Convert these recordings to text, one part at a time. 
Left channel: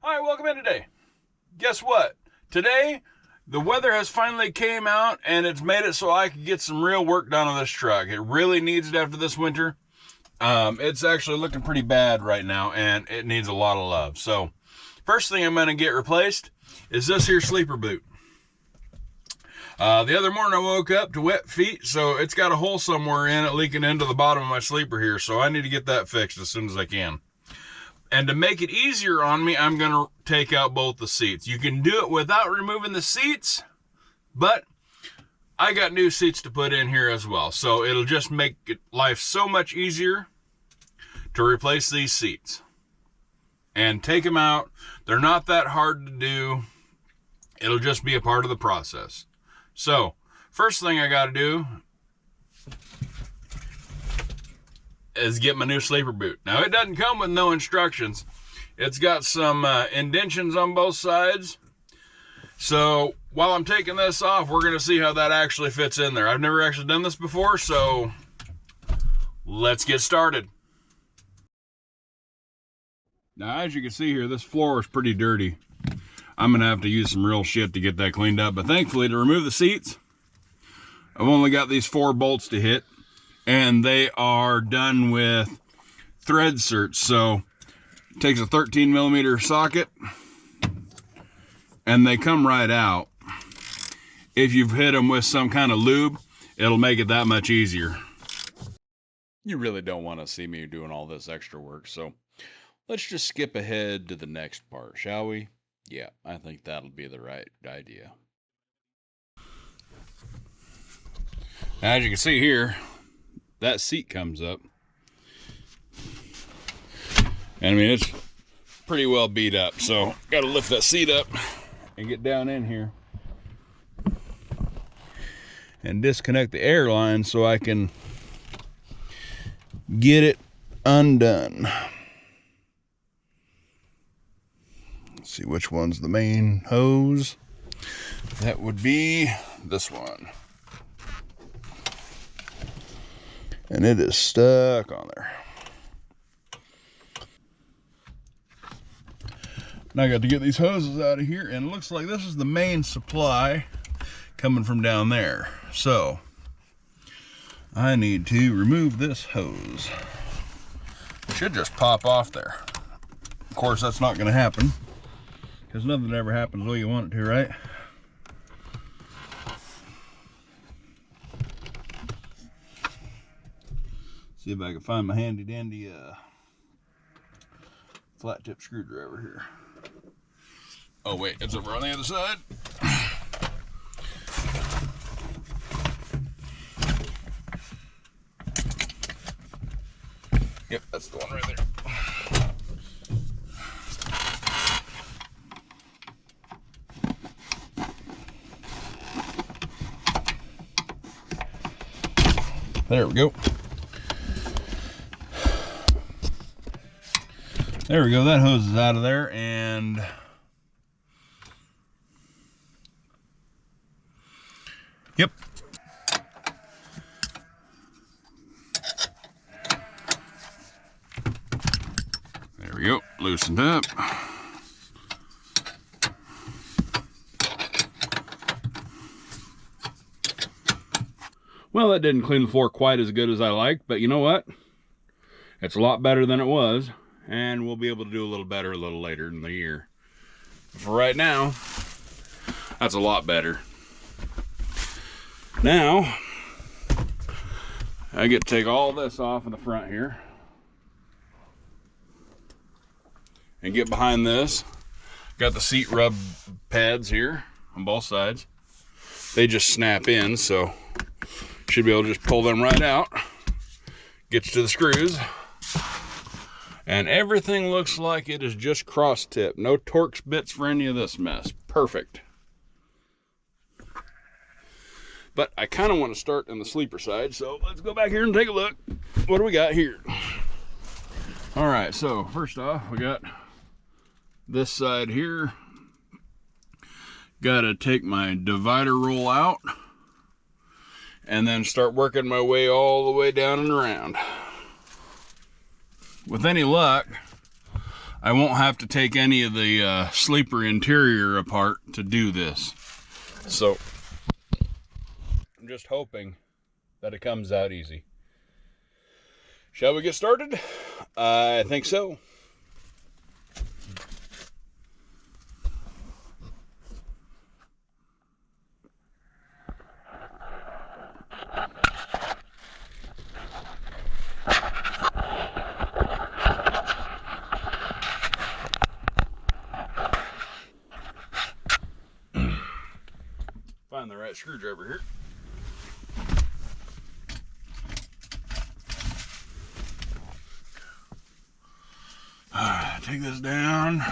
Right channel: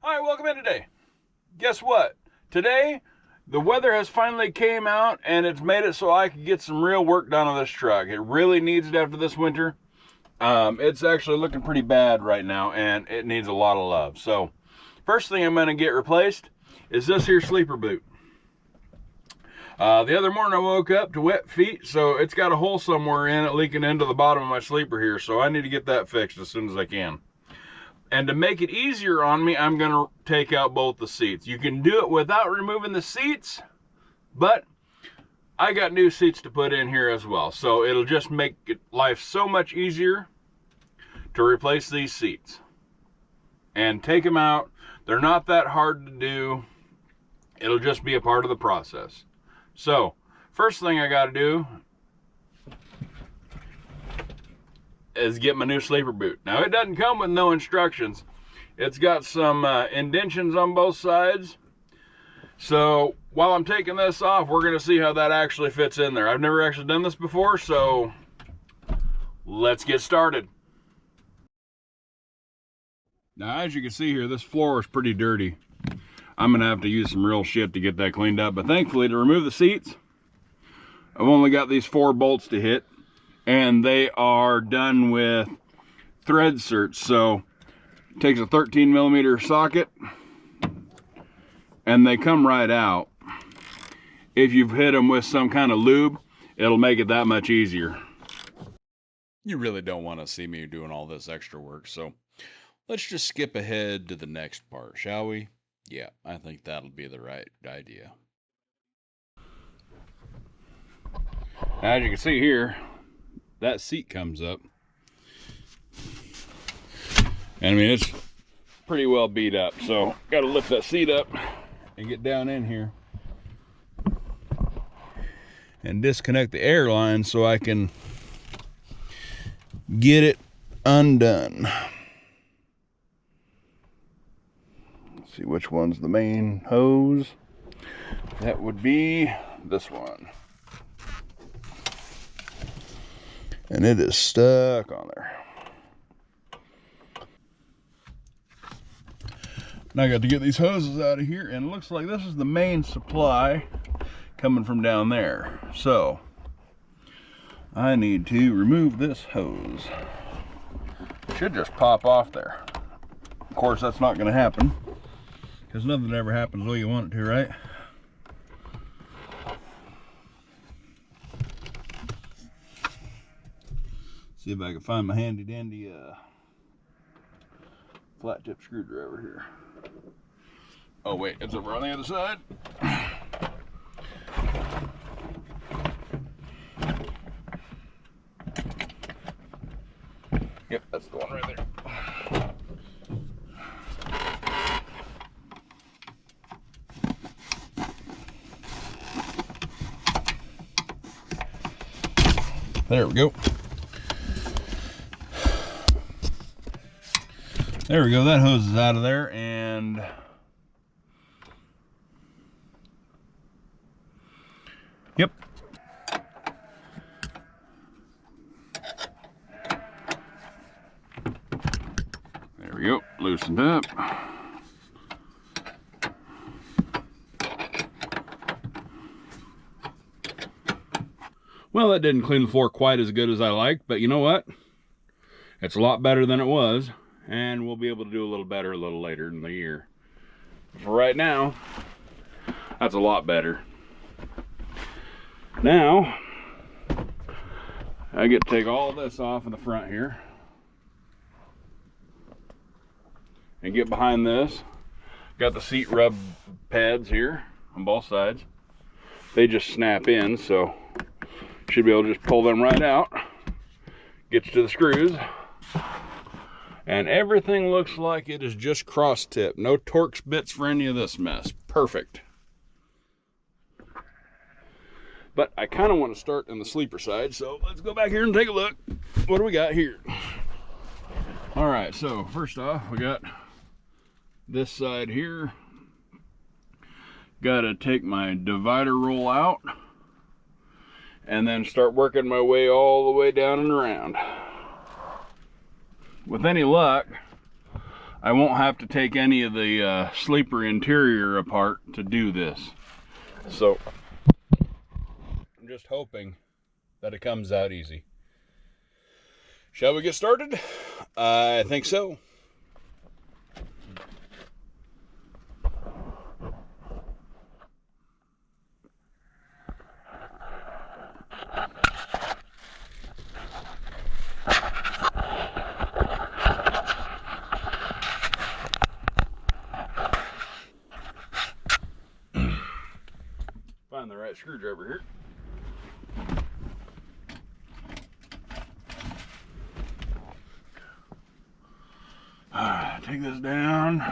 Hi, welcome in today. Guess what? Today, the weather has finally came out and it's made it so I can get some real work done on this truck. It really needs it after this winter. It's actually looking pretty bad right now and it needs a lot of love. So, first thing I'm going to get replaced is this here sleeper boot. The other morning I woke up to wet feet, so it's got a hole somewhere in it leaking into the bottom of my sleeper here. So I need to get that fixed as soon as I can. And to make it easier on me, I'm going to take out both the seats. You can do it without removing the seats, but I got new seats to put in here as well. So it'll just make life so much easier to replace these seats. And take them out. They're not that hard to do. It'll just be a part of the process. So, first thing I got to do is get my new sleeper boot. Now, it doesn't come with no instructions. It's got some indentions on both sides. So while I'm taking this off, we're going to see how that actually fits in there. I've never actually done this before, so let's get started. Now, as you can see here, this floor is pretty dirty. I'm going to have to use some real shit to get that cleaned up. But thankfully, to remove the seats, I've only got these 4 bolts to hit. And they are done with thread certs. So it takes a 13mm socket and they come right out. If you've hit them with some kind of lube, it'll make it that much easier. You really don't want to see me doing all this extra work, so let's just skip ahead to the next part, shall we? Yeah, I think that'll be the right idea. As you can see here, that seat comes up. And I mean, it's pretty well beat up. So, got to lift that seat up and get down in here and disconnect the air line so I can get it undone. Let's see which one's the main hose. That would be this one. And it is stuck on there. Now I got to get these hoses out of here, and it looks like this is the main supply coming from down there. So I need to remove this hose. It should just pop off there. Of course, that's not going to happen because nothing ever happens the way you want it to, right? See if I can find my handy dandy flat tip screwdriver here. Oh wait, it's over on the other side. Yep, that's the one right there. There we go. There we go, that hose is out of there, and yep. There we go, loosened up. Well, that didn't clean the floor quite as good as I liked, but you know what? It's a lot better than it was. And we'll be able to do a little better a little later in the year. But for right now, that's a lot better. Now, I get to take all this off in the front here. And get behind this. Got the seat rub pads here on both sides. They just snap in, so should be able to just pull them right out. Gets to the screws. And everything looks like it is just cross tip. No Torx bits for any of this mess. Perfect. But I kind of want to start on the sleeper side, so let's go back here and take a look. What do we got here? All right, so first off, we got this side here. Got to take my divider roll out and then start working my way all the way down and around. With any luck, I won't have to take any of the sleeper interior apart to do this. So I'm just hoping that it comes out easy. Shall we get started? I think so. Find the right screwdriver here. Alright, take this down.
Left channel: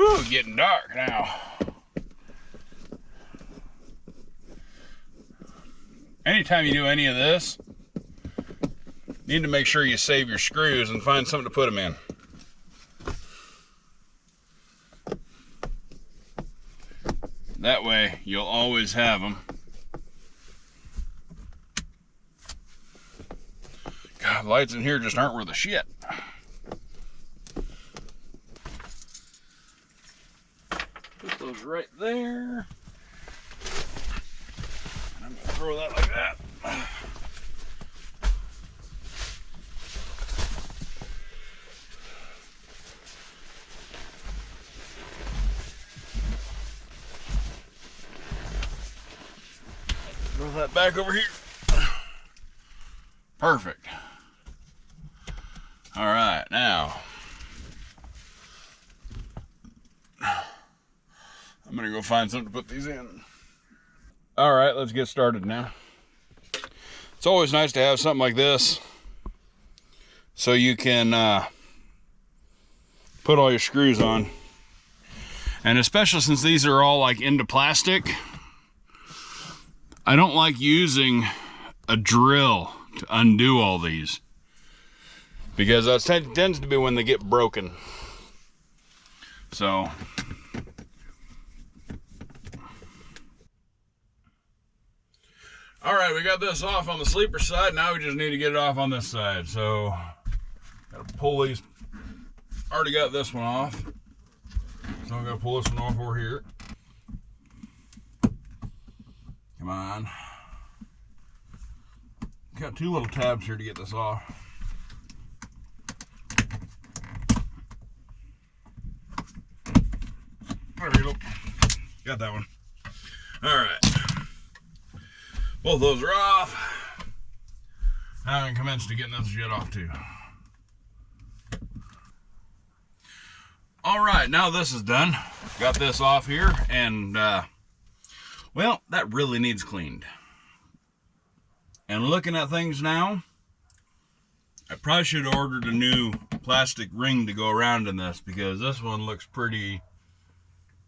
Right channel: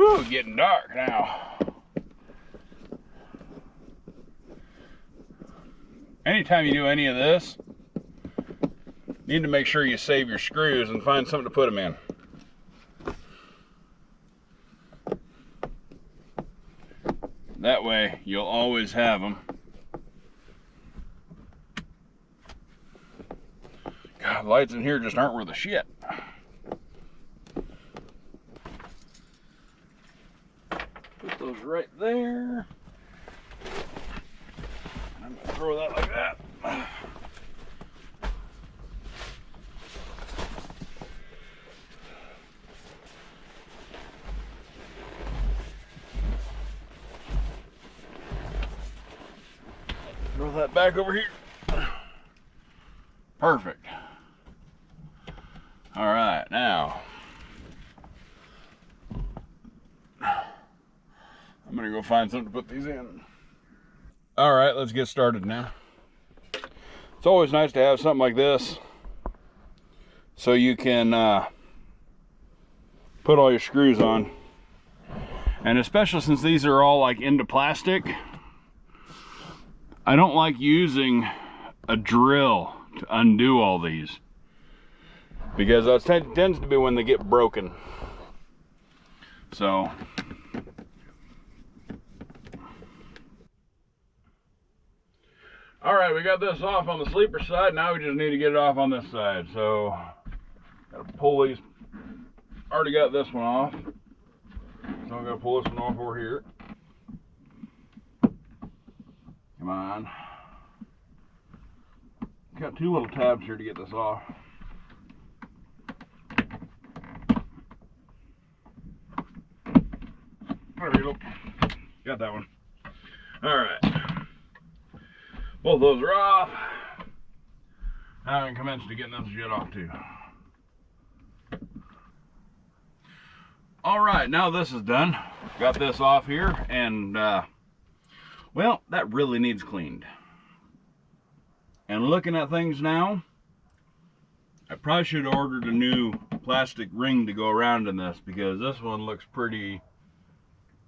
Ooh, getting dark now. Anytime you do any of this, you need to make sure you save your screws and find something to put them in. That way, you'll always have them. God, lights in here just aren't worth a shit. Put those right there. And I'm gonna throw that like that. Throw that back over here. Perfect. All right, now I'm gonna go find something to put these in. All right, let's get started now. It's always nice to have something like this so you can put all your screws on. And especially since these are all like into plastic, I don't like using a drill to undo all these, because that tends to be when they get broken. So all right, we got this off on the sleeper side. Now we just need to get it off on this side. So gotta pull these. Already got this one off, so I'm gonna pull this one off over here. Come on. Got two little tabs here to get this off. There we go. Got that one. All right. Both those are off. Now I can commence to getting this shit off too. All right, now this is done. Got this off here, and well, that really needs cleaned. And looking at things now, I probably should have ordered a new plastic ring to go around in this, because this one looks pretty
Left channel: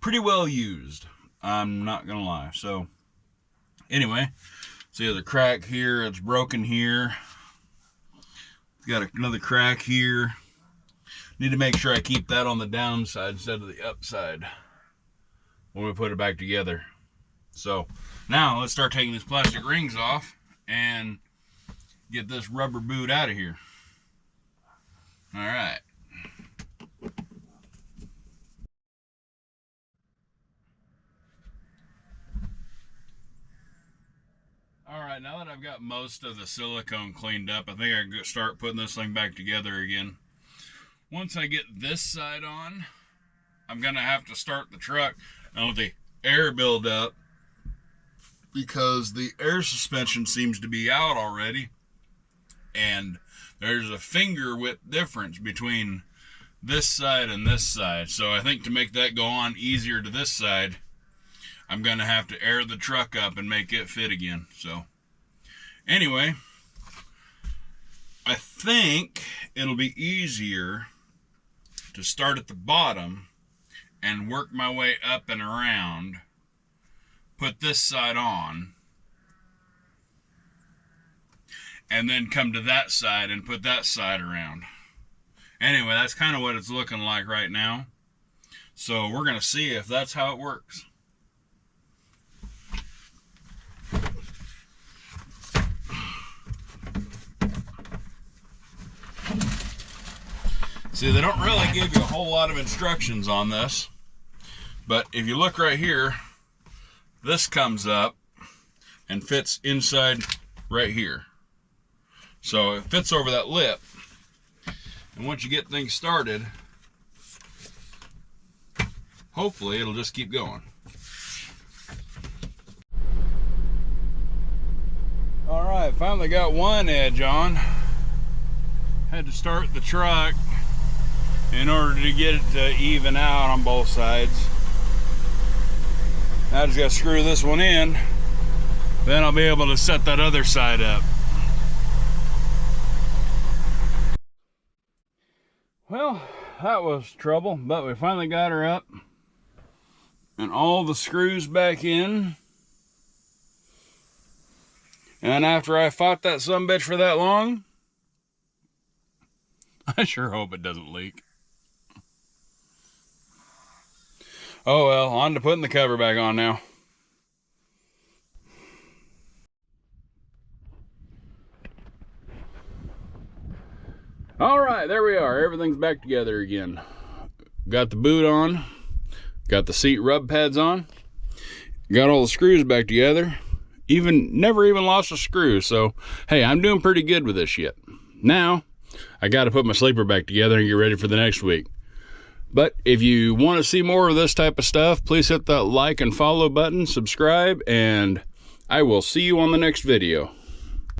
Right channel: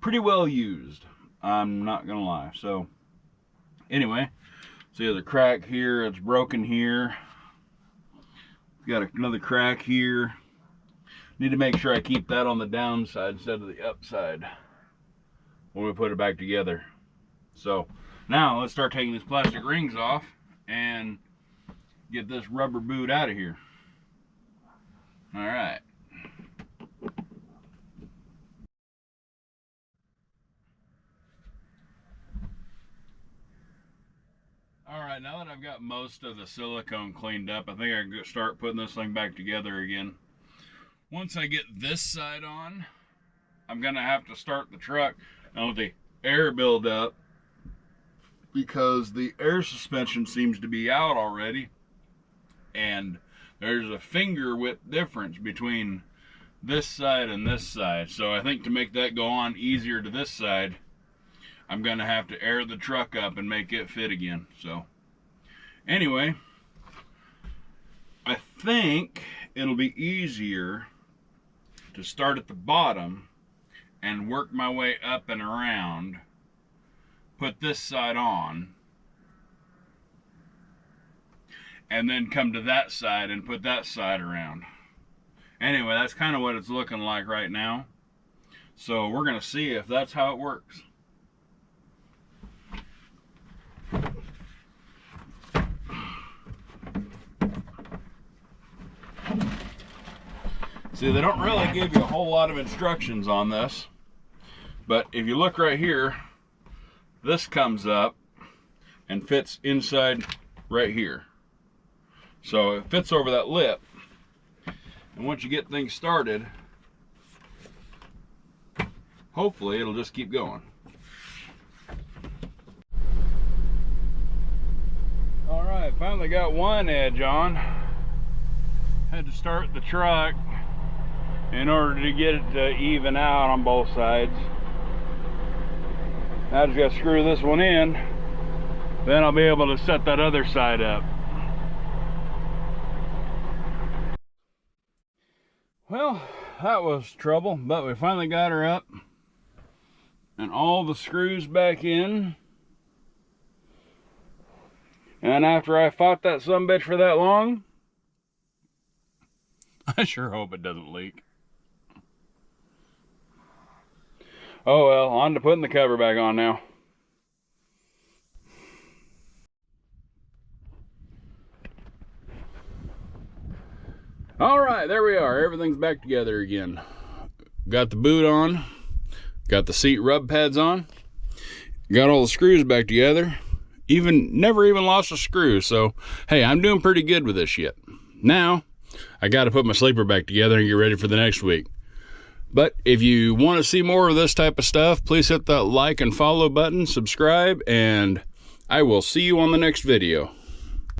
well used. I'm not gonna lie. So anyway, see there's a crack here, it's broken here. It's got another crack here. Need to make sure I keep that on the downside instead of the upside when we put it back together. So now let's start taking these plastic rings off and get this rubber boot out of here. All right. All right, now that I've got most of the silicone cleaned up, I think I can start putting this thing back together again. Once I get this side on, I'm gonna have to start the truck and let the air build up, because the air suspension seems to be out already, and there's a finger width difference between this side and this side. So I think to make that go on easier to this side, I'm gonna have to air the truck up and make it fit again. So anyway, I think it'll be easier to start at the bottom and work my way up and around, put this side on, and then come to that side and put that side around. Anyway, that's kind of what it's looking like right now. So we're gonna see if that's how it works. See, they don't really give you a whole lot of instructions on this, but if you look right here, this comes up and fits inside right here. So it fits over that lip, and once you get things started, hopefully it'll just keep going. All right, finally got one edge on. Had to start the truck in order to get it to even out on both sides. Now I just got to screw this one in, then I'll be able to set that other side up. Well, that was trouble, but we finally got her up and all the screws back in. And after I fought that sumbitch for that long, I sure hope it doesn't leak. Oh well, on to putting the cover back on now. All right, there we are. Everything's back together again. Got the boot on, got the seat rub pads on, got all the screws back together. Never even lost a screw. So, hey, I'm doing pretty good with this shit. Now, I got to put my sleeper back together and get ready for the next week. But if you want to see more of this type of stuff, please hit that like and follow button, subscribe, and I will see you on the next video.